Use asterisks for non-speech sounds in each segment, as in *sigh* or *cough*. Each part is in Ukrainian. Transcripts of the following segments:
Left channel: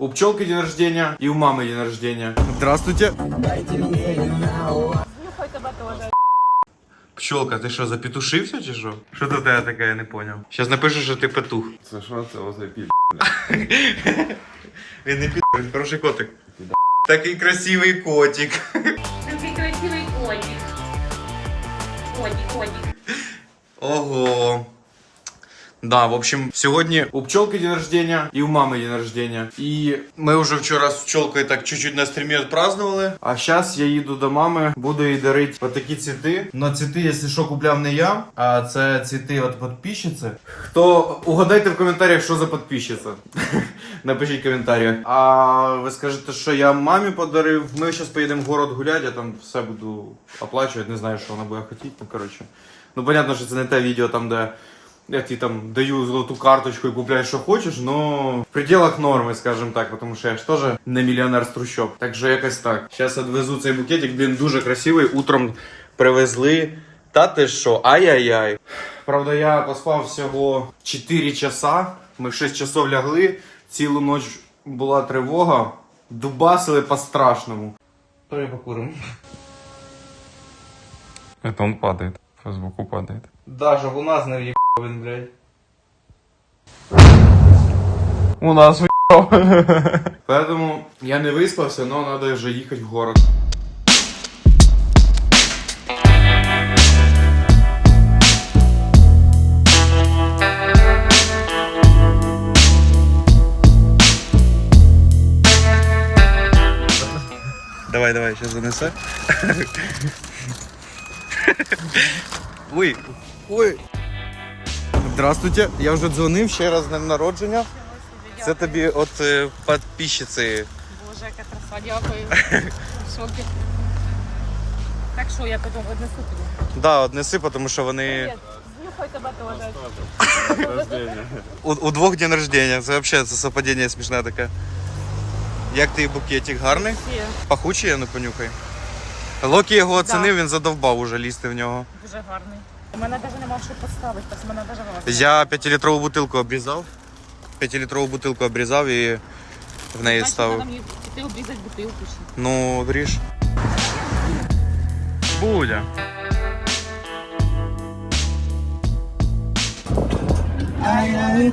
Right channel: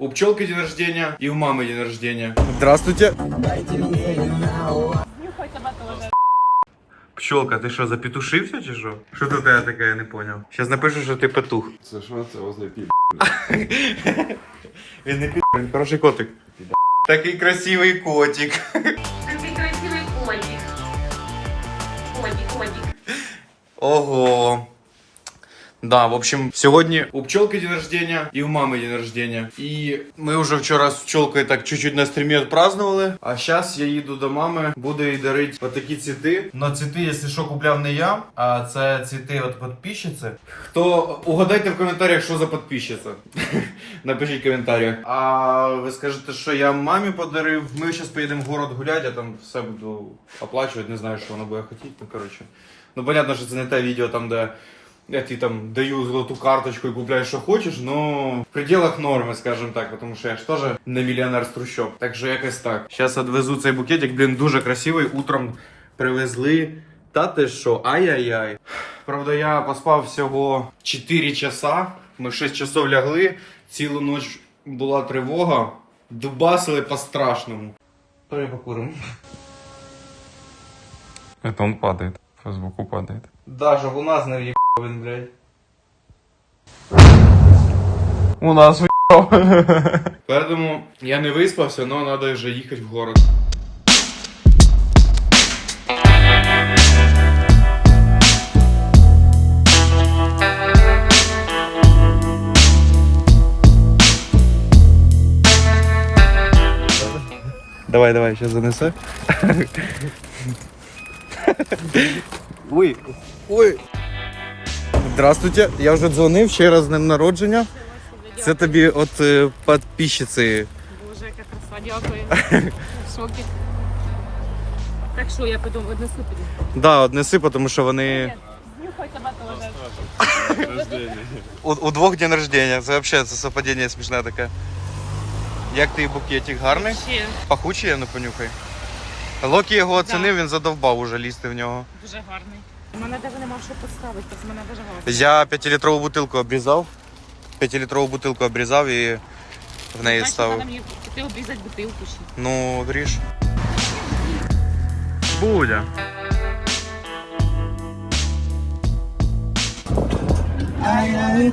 У пчелки день рождения и у мамы день рождения. Здравствуйте. Тебе теж. Пчелка, ти що, запетушився чи що? Що тут я таке, я не поняв. Зараз напишу, що ти петух. Це що це оце пі... Він не пі, він хороший котик. Такий красивий котик. Такий красивий котик. Котик, котик. Ого. Да, в общем, сьогодні у пчелки день рождения і у мами день рождения. І ми вже вчора з пчелкою так чуть-чуть на стрімі відпразднували. А зараз я їду до мами, буду їй дарити отакі цвіти. Но цвіти, якщо що, купляв не я, а це цвіти от підписчиці. Хто угадайте в коментарях, що за підписчиця. *laughs* Напишіть коментарі. А ви скажете, що я мамі подарив. Ми зараз поїдемо в город гуляти, я там все буду оплачувати, не знаю, що вона буде хотіти. Ну коротше. Ну, понятно, що це не те відео там, де я тобі там даю золоту карточку і купляю, що хочеш, но в пределах норми, скажімо так, тому що я ж теж не мільйонер з трущоб. Так що якось так. Зараз відвезу цей букетик, блін, дуже красивий. Утром привезли. Та ти що, ай-яй-яй. Правда, я поспав всього 4 часа. Ми в 6 часов лягли, цілу ніч була тривога, дубасили по-страшному. То я покурим. Это он падает. По звуку падает. Даже у нас не в'їбав він, блядь. У нас Поэтому я не виспався, но надо вже їхати в город. Давай, давай, сейчас занеси. Ой, ой. Здравствуйте, я вже дзвонив ще раз з днем народження. Це тобі от е, підписчиці. Боже, яка краса, дякую. В шокі. Так що, я потім однесу тобі. Да, однеси, тому що вони. Привіт. Тебе теж. У, у двох день рождения. Це взагалі це совпадіння смішне таке. Як ти букетик гарний? Ще Пахучий, я не понюхай. Локі його оцінив, він задовбав уже лізти в нього. дуже гарний. У мене навіть немає що поставити, так мене дуже гарно. Я 5-літрову бутилку обрізав. 5-літрову бутилку обрізав і в неї ставив. мені піти обрізати бутилку ще. Ну, ріж. Будя. Я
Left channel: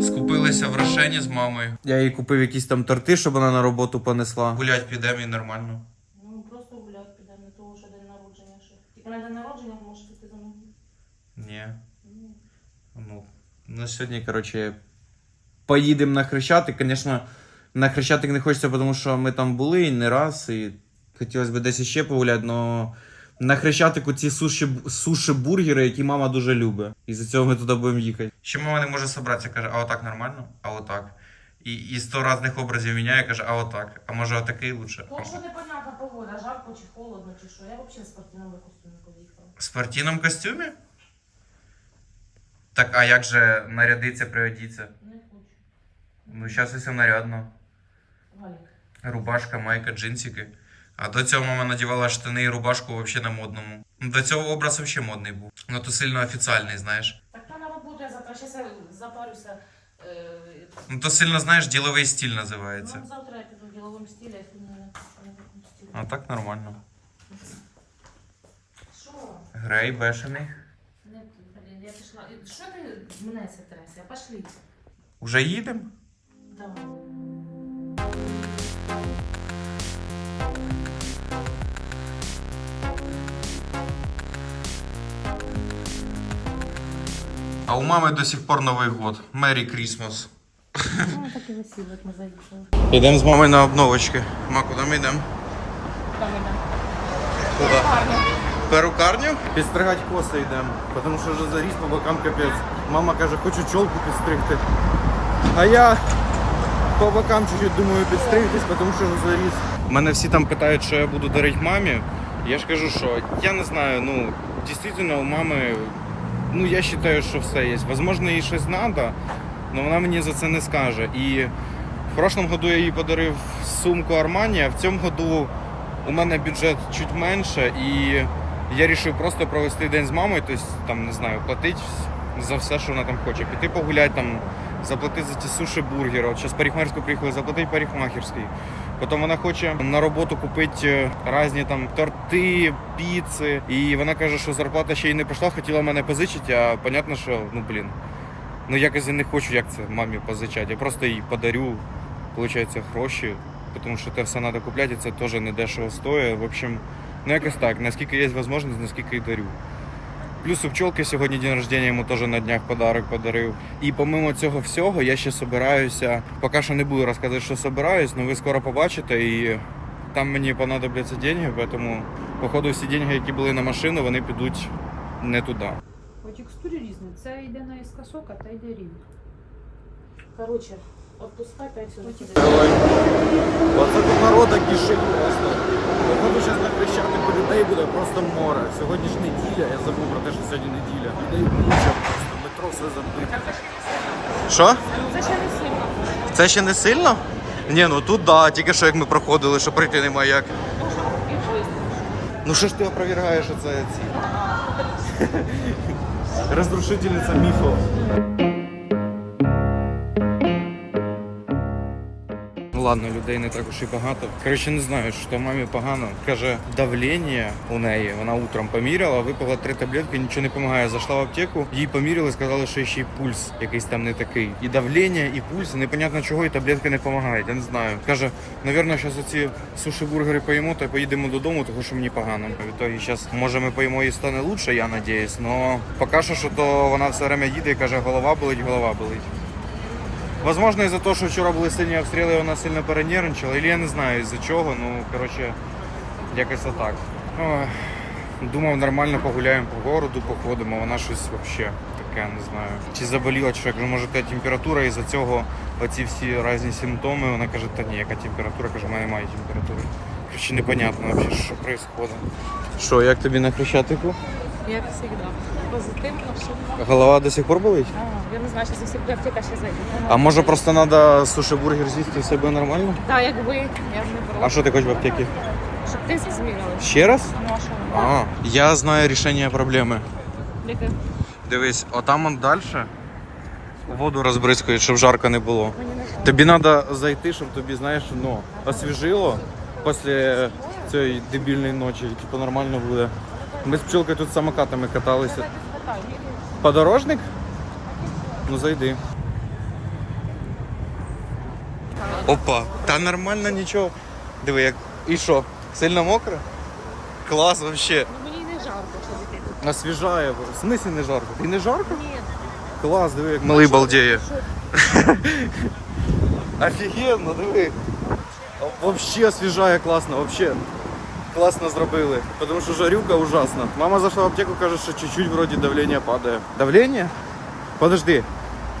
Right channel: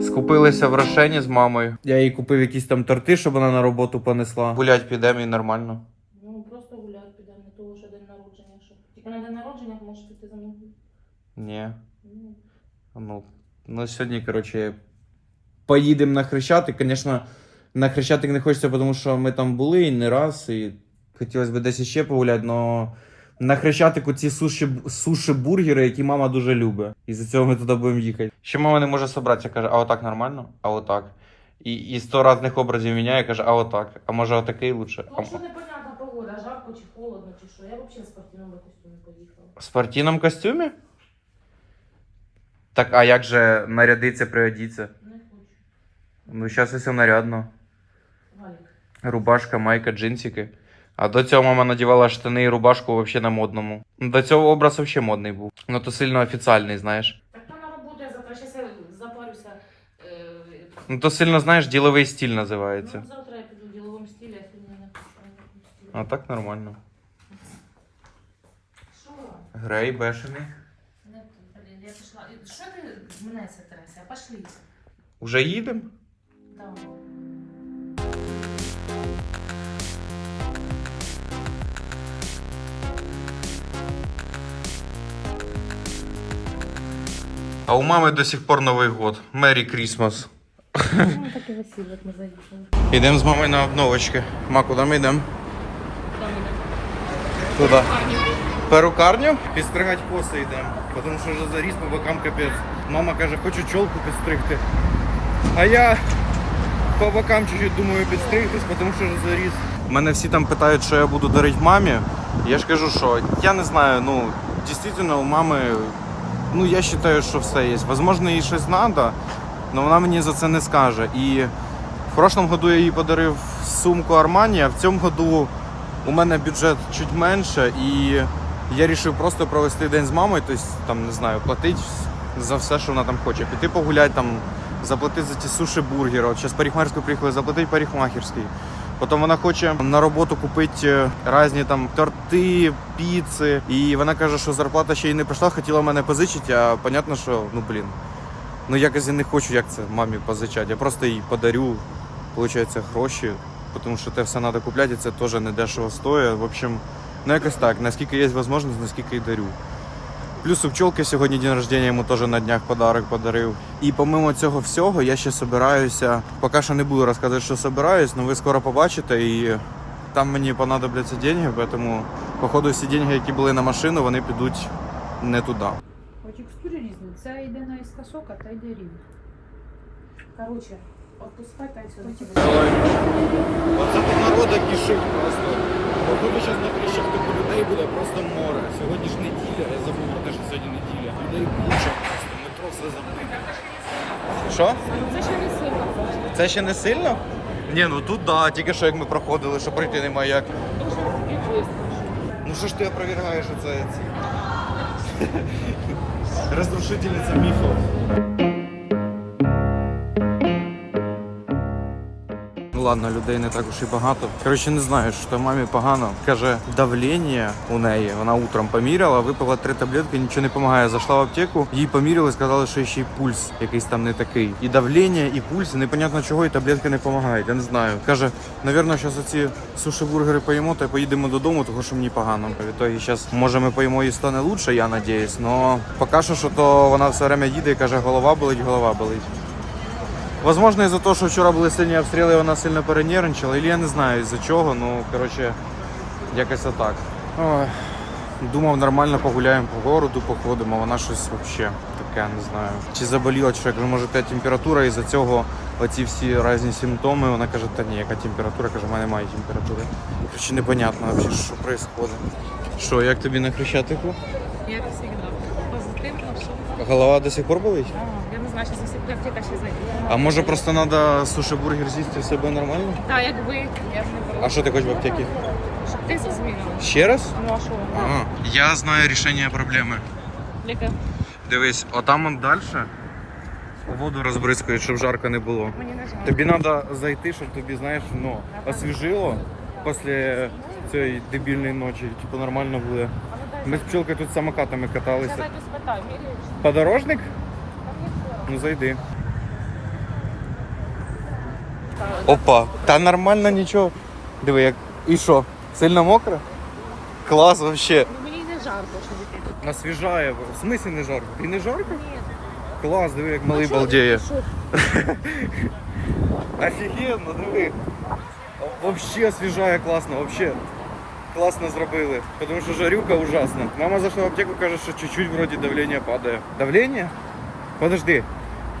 Скупилися в Рошені з мамою. Я їй купив якісь там торти, щоб вона на роботу понесла. Гулять підемо і нормально. Ну, просто гуляти підемо, не того, що день народження. Що. Тільки на день народження можеш піти за мною. Ні. Ні. Ну, ну сьогодні, коротше, поїдемо на Хрещатик. Звісно, на Хрещатик не хочеться, тому що ми там були і не раз, і хотілося б десь іще погуляти, але на Хрещатику ці суші, суші бургери, які мама дуже любить. І за цього ми туди будемо їхати. Ще мама не може зібратися, каже, а отак нормально, а отак. І, і сто різних образів міняє, каже, а отак. А може отакий лучше. Ну, що непонятна погода, жарко чи холодно, чи що. Я взагалі в спортивному костюмі поїхала. В спортивному костюмі? Так, а як же нарядиться, приодіться? Не хочу. Ну, зараз усе нарядно. Галік. Рубашка, майка, джинсики. А до цього мама надівала штани і рубашку взагалі на модному. Ну, До цього образ взагалі модний був. Ну то сильно офіціальний, знаєш. Так вона робота, я завтра ще запарюся. Е, Ну то сильно, знаєш, діловий стиль називається. ну, завтра я піду в діловому стилі, а сьогодні не. А так нормально. Що? Грей, бешений зійшла. Що ти мене це трясся? Пошли. Уже їдемо? Давай. А у мами до сих пор Новий год. Мері Крісмас. Ну, так і весілля ми заїхали. Йдемо з мамою на обновочки. Ма, куди ми йдемо? Куди? Перукарню? Підстригати коси йдемо, тому що вже заріс по бокам капець. Мама каже, хочу чолку підстригти. А я по бокам чуть-чуть думаю підстригтись, тому що вже заріс. Мене всі там питають, що я буду дарити мамі. Я ж кажу, що я не знаю, ну, дійсно у мами, ну я вважаю, що все є. Возможно, їй щось треба, але вона мені за це не скаже. І в прошлом году я їй подарив сумку Armani, а в цьому году у мене бюджет чуть менше, і я вирішив просто провести день з мамою, тобто там не знаю, платити за все, що вона там хоче. Піти погуляти там, заплатити за ті суші бургери. От зараз парикмахерську приїхали, заплатити парикмахерський. Потім вона хоче на роботу купити різні там торти, піци. І вона каже, що зарплата ще й не прийшла, хотіла мене позичити, а понятно, що ну блін. Ну якось я не хочу, як це мамі позичати. Я просто їй подарю, виходить, гроші, тому що те все треба купляти, і це теж не дешево стоїть. В общем, ну якось так, наскільки є можливість, наскільки і дарю. Плюс у пчолки сьогодні день рождения, йому теж на днях подарок подарив. І помимо цього всього, я ще собираюся. Поки що не буду розказувати, що собираюсь, але ви скоро побачите і там мені понадобляться деньги, тому походу всі деньги, які були на машину, вони підуть не туди. По текстурі різні. Це йде на іскосок, а та йде рівно. Коротше, відпускай та й сюди. Оце тут народа кишить просто. Походу зараз на Хрещатику людей буде просто море. Сьогодні ж неділя, я забув про те, що сьогодні неділя. Людей куча просто, метро все забите. Що? Це ще не сильно. Це ще не сильно? Ні, ну тут да, тільки що як ми проходили, що пройти немає як. Тому що і швидко. Ну що ж ти опровергаєш оце? це? *laughs* Розрушительниця міфу. Ладно, людей не так уж і багато. Коротше, не знаю, що мамі погано. Каже, давлення у неї. Вона утром поміряла, випила три таблетки, нічого не допомагає. Зайшла в аптеку, їй поміряли, сказали, що ще й пульс якийсь там не такий. І давлення, і пульс, і непонятно чого, і таблетки не допомагають. Я не знаю. Каже, навірно, зараз оці суші-бургери поїмо, та поїдемо додому, тому що мені погано. Відтоді зараз, може, ми поїмо і стане лучше, я надіюсь. Но поки що, що то вона все время їде і каже, голова болить, голова болить. Возможно, из-за того, що вчора були сильні обстріли, вона сильно перенервничала, или я не знаю із-за чого, ну коротше, якось отак. Ох, думав, нормально погуляємо по городу, походимо, вона щось взагалі таке, не знаю. Чи заболіла, як може те температура, із-за цього оці всі різні симптоми. Вона каже, та ні, яка температура, каже, в мене немає температури. Коротше, непонятно взагалі, що відбувається. Що, як тобі на Хрещатику? Як завжди. Позитивно, все. Голова до сих пор болить? А, я не знаю, що за аптека ще зайде. А може просто треба суші-бургер з'їсти себе нормально? Так, як ви, я б не А що ти хочеш в аптеці? Щоб тиск зміряли. Ще раз? Ну, а що? А, я знаю рішення проблеми. Яке? Дивись, отам он далі воду розбризкають, щоб жарко не було. Мені не. Тобі треба зайти, щоб тобі, знаєш, ну, освіжило після цієї дебільної ночі, типу нормально буде. Ми з пчелкою тут самокатами каталися. Подорожник? Ну зайди. Опа, та нормально нічого. Диви, як. І що? Сильно мокро? Клас вообще. Ну, мені не жарко, що дитина. Освіжає. В смислі не жарко? І не жарко? Клас, диви, як малий балдеє. *laughs* Офігенно, диви. Вообще освіжає класно, вообще. Класно зробили. Тому що жарюка ужасна. Мама зайшла в аптеку, каже, що чуть-чуть вроді давлення падає. Давлення? Подожди.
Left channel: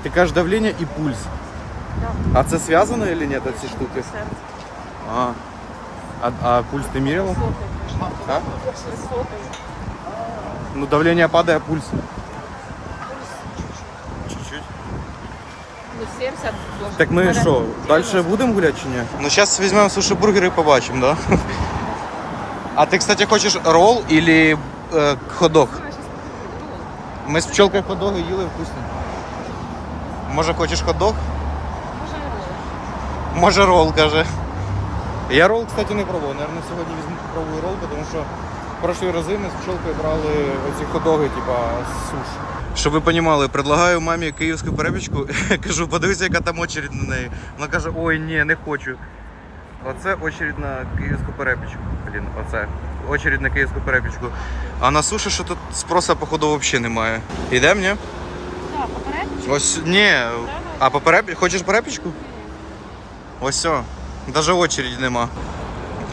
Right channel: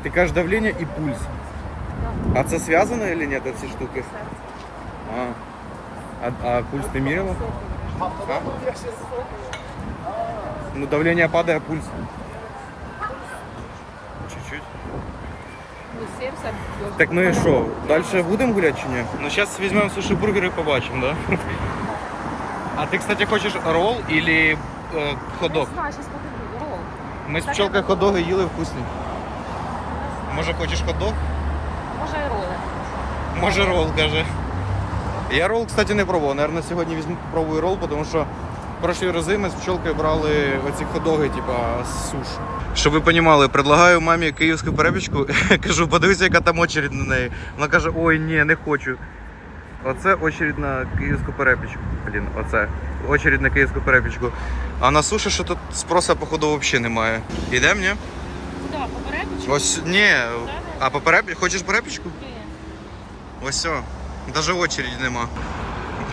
Ти кажеш давлення і пульс. А це зв'язано чи ні, ці штуки? А. А, а пульс ти міряла? А? Ну, давление падает, а пульс. Чуть-чуть. Ну, 70. Так ми що, далі будемо гуляти чи ні? Ну, зараз візьмемо суші бургери і побачимо, да? А ти, кстати, хочеш ролл или е, ходок? Покажу. Ролл. Ми з пчелкою ходоги їли вкусні. Може хочеш ходок? Може і роли. Може ролл, каже. Я ролл, кстати, не пробував. Наверно, сьогодні візьму попробую ролл, тому що прошлі рази ми з пчелкою брали оці ходоги, типа суш. Щоб ви розуміли, предлагаю мамі київську перепічку. *laughs* Кажу, подивися, яка там очередь на неї. Вона каже, ой, ні, не хочу. Оце очередь на київську перепічку. Блін, оце. Очередь на київську перепічку. А на суші, що тут спроса, походу, взагалі немає. Йдемо, ні? Так, Да, попередничок. Ось, ні. А по переп... Хочеш перепічку? Ось все. Даже очереди нема.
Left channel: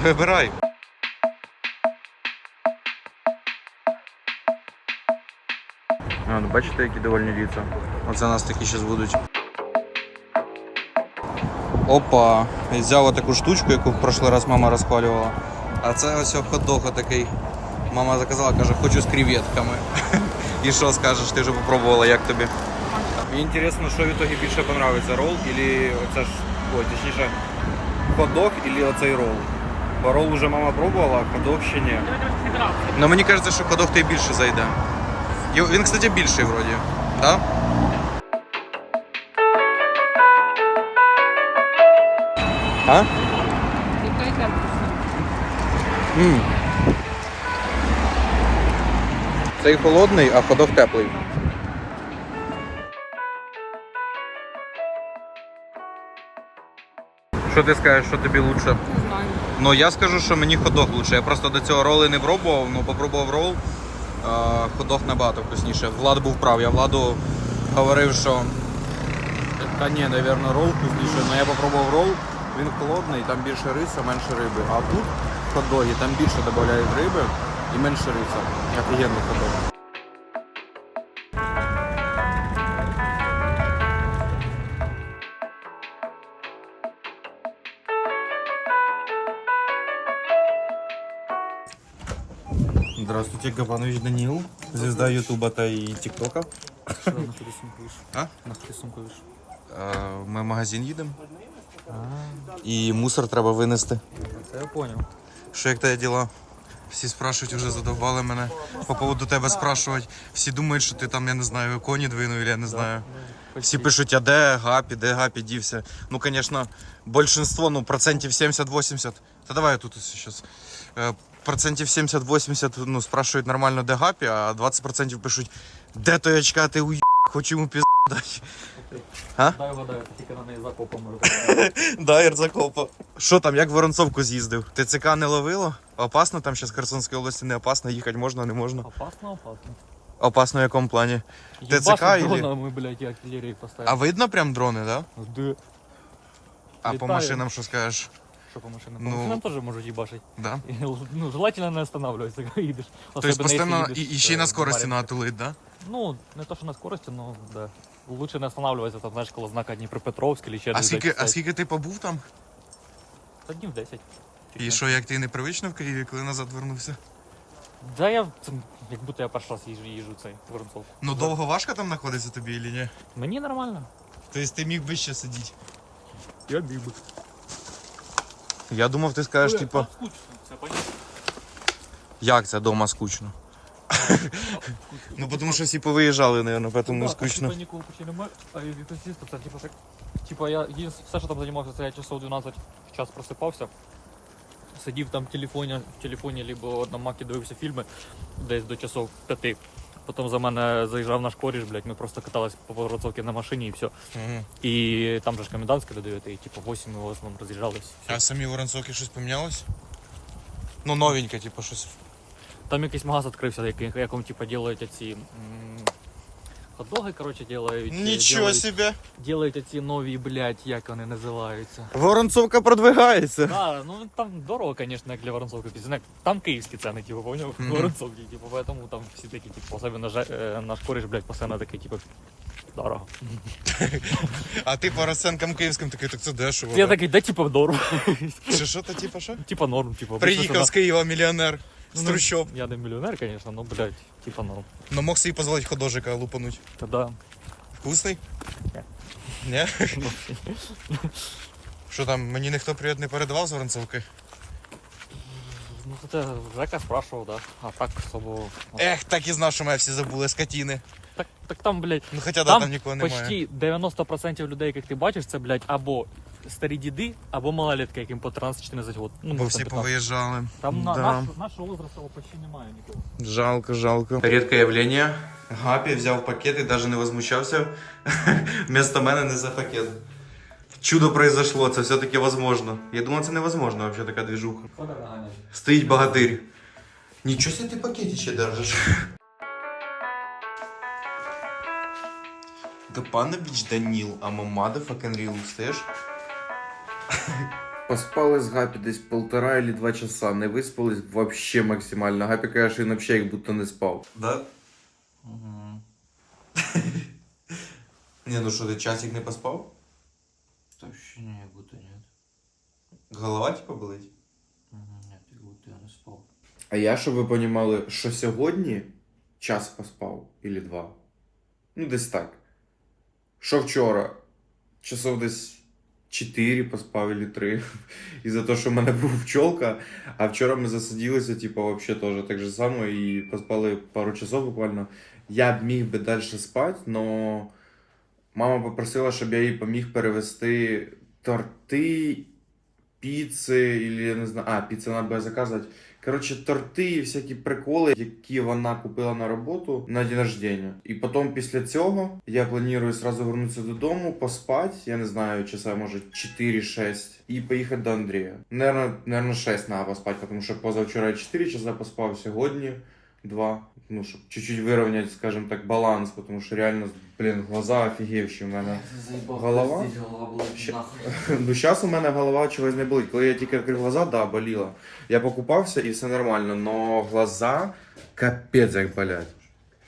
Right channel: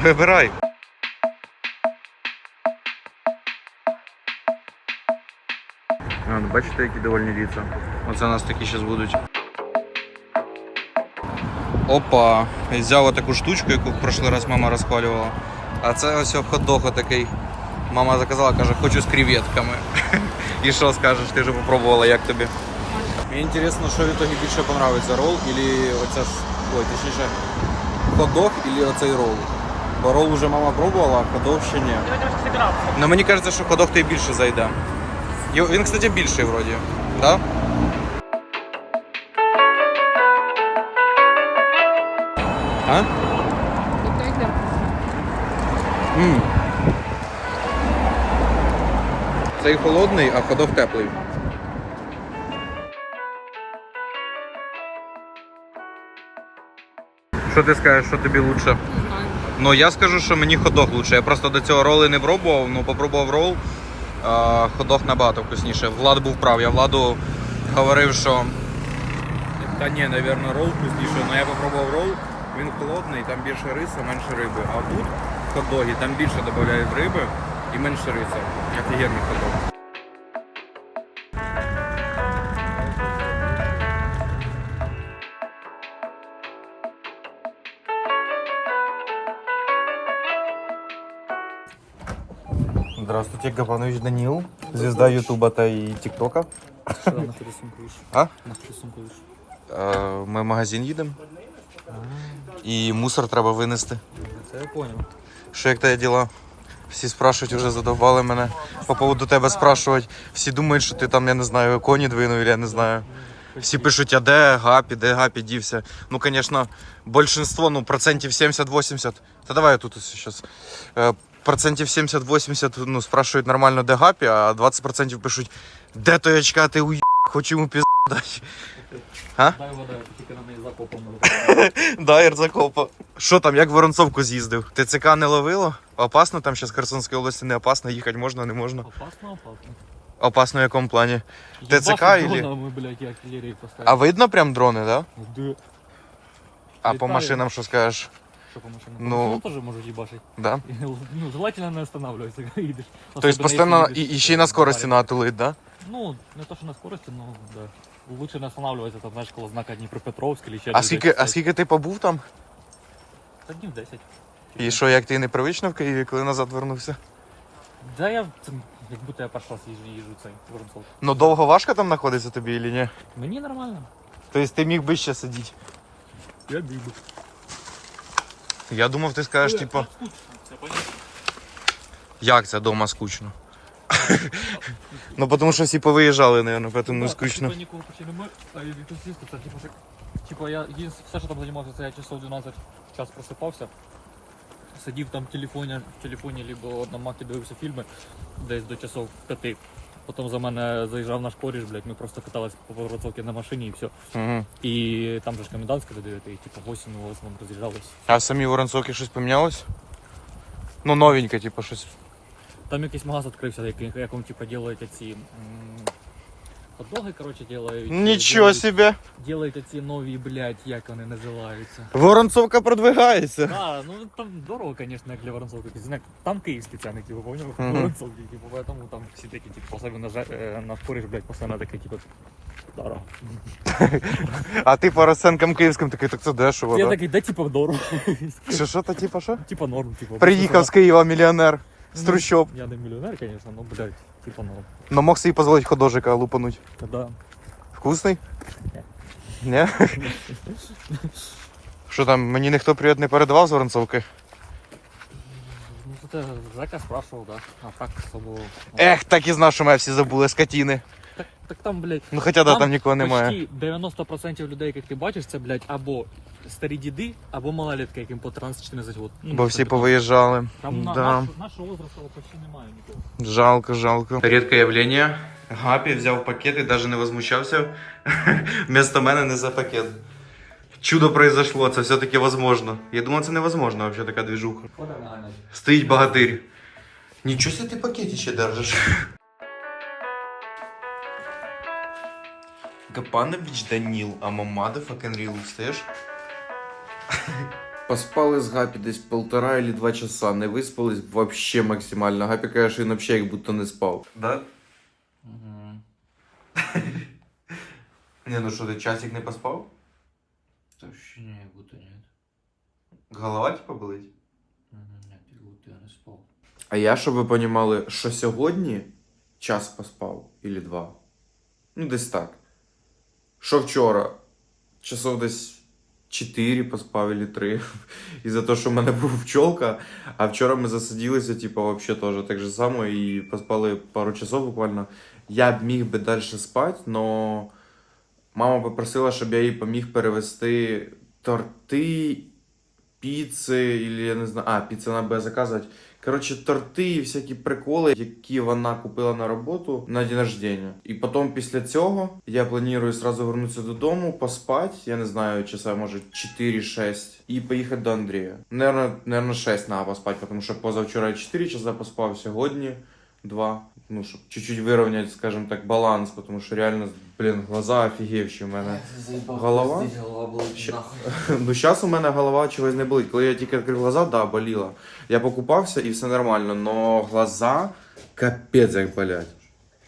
Вибирай. Ну, бачите, які довольні ліца. Оце у нас такі зараз будуть. Опа! І Взяв таку штучку, яку в прошлий раз мама розпалювала. А це ось хот-дог такий. Мама заказала, каже, хочу з креветками. *laughs* І що скажеш, ти вже попробувала, як тобі? Мені інтересно, що в ітогі більше подобається, рол или оця ой, точніше, хот-дог или оцей рол. Бо рол вже мама пробувала, а хот-дог ще ні. Ну мені кажеться, що хот-дог той більше зайде. Він, кстати, більший вроді. Да? А? М. Цей холодний, а ходок теплий. Що ти скажеш, що тобі лучше? Не знаю. Ну я скажу, що мені ходок лучше. Я просто до цього роли не пробував, ну попробував рол. А, ходок набагато вкусніше. Влад був прав. Я владу говорив, що. Та ні, напевно, рол вкусніше, але я попробував рол, він холодний, там більше риса, менше риби. А тут хот-доги, там більше додають риби і менше риса. Офігенний хот-дог. Здравствуйте, Габанович Данил, звезда Ютуба и ТикТока. А? Е, Ми в магазин їдемо. І мусор треба винести. Це я понял. Що як тебе діла? Всі спрашують, вже задовбали мене. По поводу тебе спрашують. Всі думають, що ти там, я не знаю, коні двинув, я не знаю. Всі пишуть, а де Гапі, де Гапі дівся. Ну, звісно, більшинство, ну, процентів 70-80. Та давай я тут зараз. Процентів 70-80 ну, спрашують нормально, де Гапі, а 20% пишуть, де той очка, ти уй, хочу йому пізд дати. Дай вода, тільки на неї закопом. *laughs* Да, Ірзакопа. Що там, як в Воронцовку з'їздив? ТЦК не ловило? Опасно там зараз в Херсонській області не опасно, їхати можна, не можна. Опасно, опасно. Опасно в якому плані? ТЦК дрона, ми, блядь, і артилерії поставили. А видно прям дрони, да? Де? А по Літає. машинам що скажеш? Що по машинам? Ну. По машинам теж можуть їбашить. Да? І, Ну, желательно не останавливайся, коли їдеш. Тобто Особенно, постійно якщо і, і ще й на е, скорості барі. натулить, да? Ну, не то, що на скорості, ну, да. Лучше не останавливайся, там, знаєш, коло знака Дніпропетровськ, или ще А скільки, а скільки ти побув там? Та днів 10. І що, як ти непривично в Києві, коли назад вернувся? Да, я, це, як будто я перший раз їжджу, їжджу цей Воронцов. Ну довго важко там знаходиться тобі чи ні? Мені нормально. Тобто ти міг би ще сидіти. Я біг. Я думав, ти скажеш, типу, Скучно, це понятно. як це вдома скучно. *laughs* Ну, тому що всі повиїжджали, мабуть, тому Да, скучно. Типа нікого почти немає, а я від сісти, це типа. Типа я єдине, все, що там займався, це я часов 12 в час просипався. Сидів там в телефоні, в телефоні, либо на макі дивився фільми десь до часов 5. Потім за мене заїжджав наш коріш, блядь, ми просто катались по Воронцовці на машині і все. Угу. І там же ж комендантська до 9, і типу 8 ми в основному роз'їжджались. А самі Воронцовки щось помінялось? Ну, новеньке, типу, щось. Там якийсь магаз відкрився, який- якому типу делають ці хот-доги, коротше, делають. Нічого делають, себе! делають ці нові, блядь, як вони називаються. Воронцовка продвигається. Да, ну там дорого, конечно, як для Воронцовки. Пиздец. Там київські ціни, типу, поняв? Мгм. Воронцовки, типу, поэтому там всі такі, типу, особливо жа- е, наш кореш, блядь, постійно такий, типу, дорого. А ти по розценкам київським такий, так це дешево. Я да? такий, да, типу, дорого. Що, що то, типу, що? Типа норм, типу. Приїхав з Києва мільйонер з Ну, трущоб. Я не мільйонер, конечно, ну, блядь, типа норм. Но мог собі дозволити ходожика лупануть. Та да. Вкусний? Ні. Ні? *laughs* Що там, мені ніхто привіт не передавав з Воронцовки? Ну, це Жека спрашивав, да. А так особо... ну, Ех, так і знав, що мене всі забули, скотіни. Так, так там, блядь, Ну хоча да, там нікого немає. почти 90% людей, яких ти бачиш, це, блядь, або старі діди, або малолетки, яким по 13-14 років. Ну, Бо всі там повиїжджали. Там Да. наш, нашого возрасту почти немає нікого. Жалко, жалко. Рідке явлення. Гапі взяв пакет і навіть не возмущався. *laughs* Вместо мене не за пакет. Чудо произошло, це все-таки возможно. Я думав, це невозможно, вообще така движуха. Стоїть богатирь. Нічого себе ти пакеті ще держиш. Гапанович Даніл, а мамада fucking real, слышь? Поспали з Гапі десь полтора или два часа, не виспались вообще максимально. Гапі каже, що він вообще як будто не спав. Да? Угу. *laughs* не, ну що, ти часик не поспав? Да ощущение, как будто нет. Голова типа болить? Мгм, Нет, как будто я не спал. А я, щоб ви понімали, що сьогодні час поспав, или два. Ну, десь так. Що вчора? Часов десь 4 поспав, или 3. І за те, що в мене був пчолка, а вчора ми засиділися, типу, вообще теж так же само, і поспали пару часов буквально. Я б міг би далі спати, но мама попросила, щоб я їй поміг перевести торти, піци, или я не знаю. А, піци вона буде заказувати. Коротше, торти і всякі приколи, які вона купила на роботу на день рождения. І потім після цього я планую сразу вернутися додому, поспати, я не знаю, часа може 4-6, і поїхати до Андрія. Наверно, наверно 6 треба поспати, тому що позавчора 4 часа поспав, сьогодні 2 Ну, щоб чуть-чуть вирівняти, скажімо так, баланс, тому що реально, блін, глаза офігівші в мене. Заебал, Голова? пиздец, голова болит Ща- нахуй. Ну, зараз *laughs* у мене голова чогось не болить. Коли я тільки відкрив глаза, да, боліла. Я покупався і все нормально, но глаза капець як болять.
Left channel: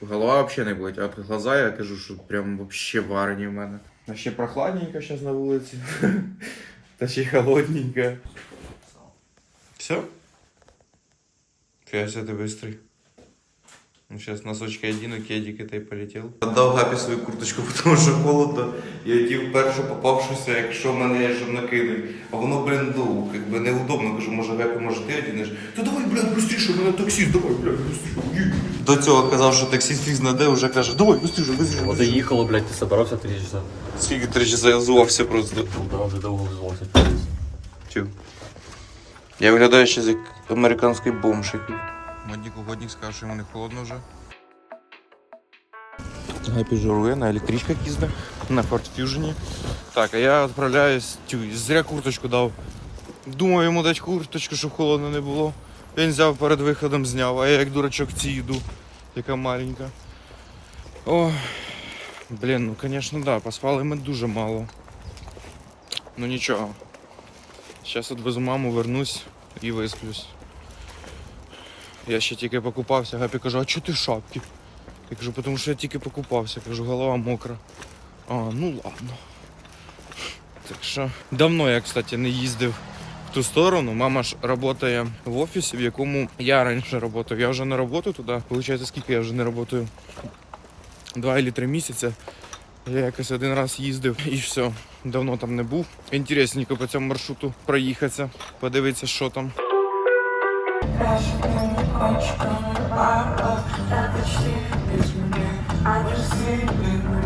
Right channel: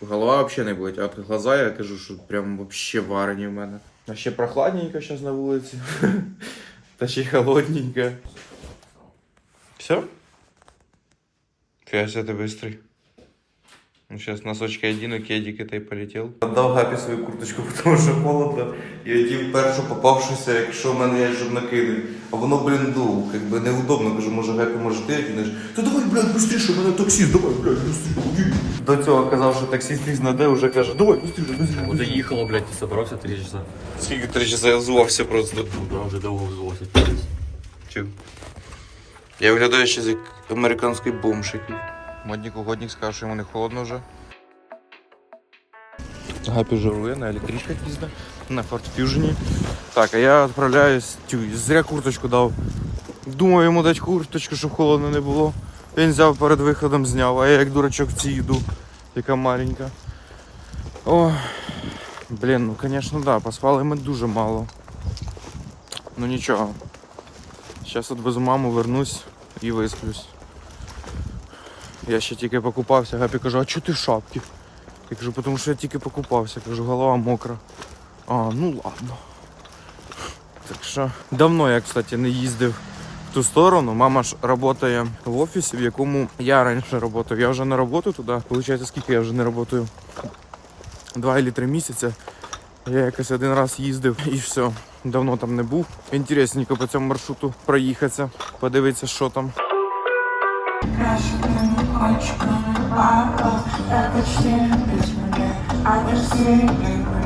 Голова взагалі не болить, а от глаза я кажу, що прям вообще варені в мене. А ще прохладненько зараз на вулиці. *laughs* Та ще й холодненько. Все? Фиася ты быстрый. Ну, сейчас носочки одену, кедик это и полетел. Отдав Гапі свою курточку, *laughs* тому що холодно. Я одів першу попавшуся, якщо в мене є щоб накинуть. А воно, блін, ну, як би неудобно. Кажу, може Гапі, може ти одінеш? Та давай, блядь, быстріше, мене таксіст, давай, блядь, быстріше. До цього казав, що таксіст фіг знаде, вже каже, давай, быстріше, быстріше. Вот быстріше. ехало, блядь, ты собрался три часа. Скільки три часа я звався просто. Ну да, уже долго взвался. Тю. Я виглядаю ще як американський бомж якийсь. Модник угодник скаже, що йому не холодно вже. Гапі живе на електричках їздить, на Ford Fusion. Так, а я відправляюсь, зря курточку дав. Думав йому дати курточку, щоб холодно не було. Він взяв перед виходом зняв, а я як дурачок в цій йду, яка маленька. О, блін, ну звісно, да, поспали ми дуже мало. Ну нічого. Зараз відвезу маму, вернусь і висплюсь. Я ще тільки покупався, Гапі каже, а чого ти в шапці? Я кажу, тому що я тільки покупався, кажу, голова мокра. А, ну ладно. Так що давно я, кстати, не їздив в ту сторону. Мама ж працює в офісі, в якому я раніше працював. Я вже не працюю туди. Получається, скільки я вже не працюю? Два або три місяці. Я якось один раз їздив і все. Давно там не був. Інтересненько по цьому маршруту проїхатися, подивитися, що там. Крашенными кончиками пара Я почти без меня А без земли